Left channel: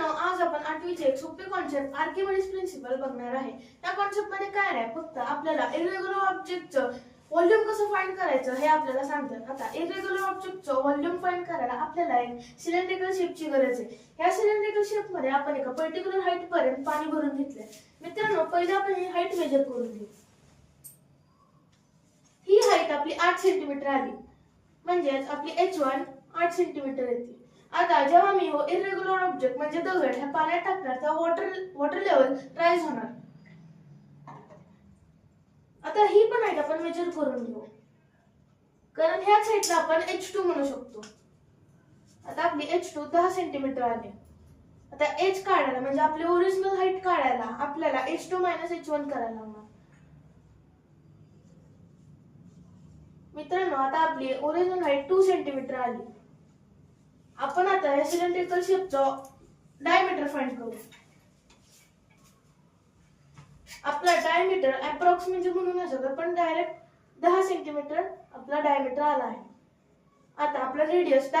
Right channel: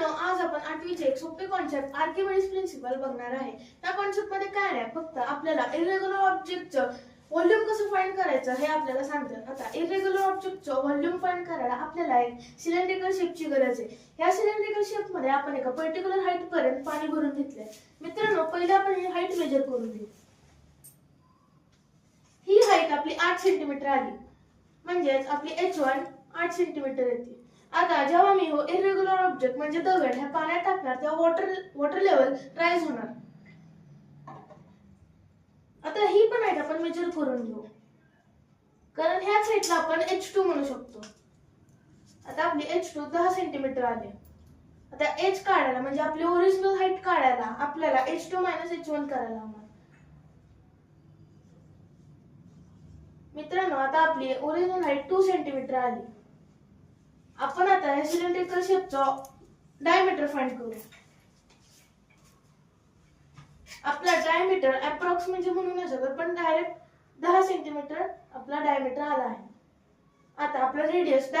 मित्रांनो, आज आपण 8वीचे एक सोपे कॉन्सेप्ट आर्किमिडीज प्रिन्सिपल बघणार आहे। त्या कॉन्सेप्ट मध्ये काय आहे, फक्त आपल्याला इरेग्युलर ऑब्जेक्टचं व्हॉल्यूम कसं फाइंड करायचं हे आपल्याला सांगतात। आता इरेग्युलर ऑब्जेक्टचं व्हॉल्यूम फाइंड करायला आपल्याला एक सिलेंड्रिकल शेपची गरज आहे। या सिलेंड्रिकल शेप मध्ये आपण एका पर्टिक्युलर हाईट पर्यंत पाणी भरून घेतलंय। मित्रांनो, पहिले आपण ही हाईट मेजर करून घेऊ। ही हाईट आपली 8 सेंटीमीटर आली, म्हणजे आपली h1 8 सेंटीमीटर येते। आता जेव्हा मी हो इरेग्युलर ऑब्जेक्ट म्हणजे दगड ह्या पाण्यात टाकणार तेव्हा वॉटर लेवल राईज होणार। आता ही पण हाईट आपण मेजर करून घेऊ, कारण ह्याच हाईटला आपण h2 म्हणू शकतो। आता आपली h2 10 सेंटीमीटर आली। आता h काढायला म्हणजे आपली ओरिजिनल हाईट काढायला आपल्याला h2 h1 करायला लागणार। मित्रांनो, आता आपली ओरिजिनल हाईट 2 सेंटीमीटर आली। आपण आता या सिलेंड्रिकल शेपचा डायमीटर फाइंड करू। आपला डायमीटर अप्रॉक्स म्हणजे म्हणू नाही शकत, पण डायरेक्ट 10 सेंटीमीटर आपला डायमीटर आला आहे। आता आपला रेडियस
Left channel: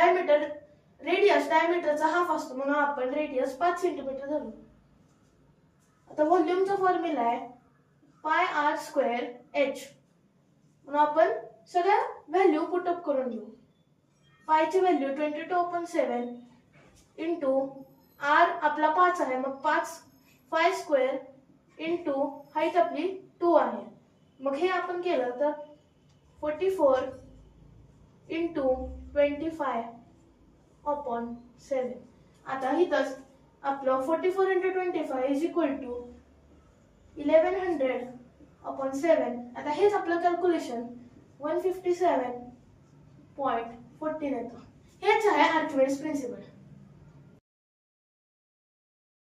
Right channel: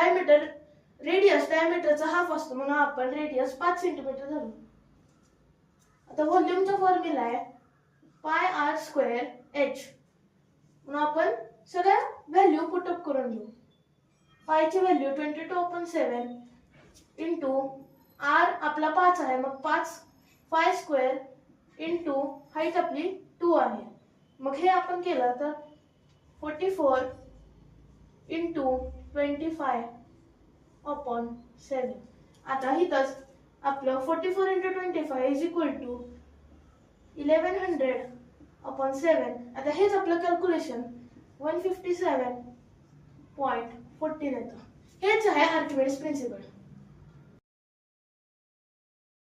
डायमीटरचा हाफ असतो, म्हणून आपण रेडियस 5 सेंटीमीटर धरू। आता व्हॉल्यूमचा फॉर्म्युला आहे पाय r स्क्वेअर h, म्हणून आपण सगळ्या व्हॅल्यू पुट अप करून घेऊ। पायची व्हॅल्यू 22/7 इंटू r आपला 5 आहे, मग 5 पाय स्क्वेअर इंटू हाईट आपली 2 आहे। मग हे आपण केलं तर 44 इंटू 25/7। आता इथंच आपलं 44 इंटू 25 इज इक्वल टू 1100/7। आता हेच आपलं कॅल्क्युलेशन 157.14 येतं। हेच आहे आर्किमिडीज प्रिन्सिपल।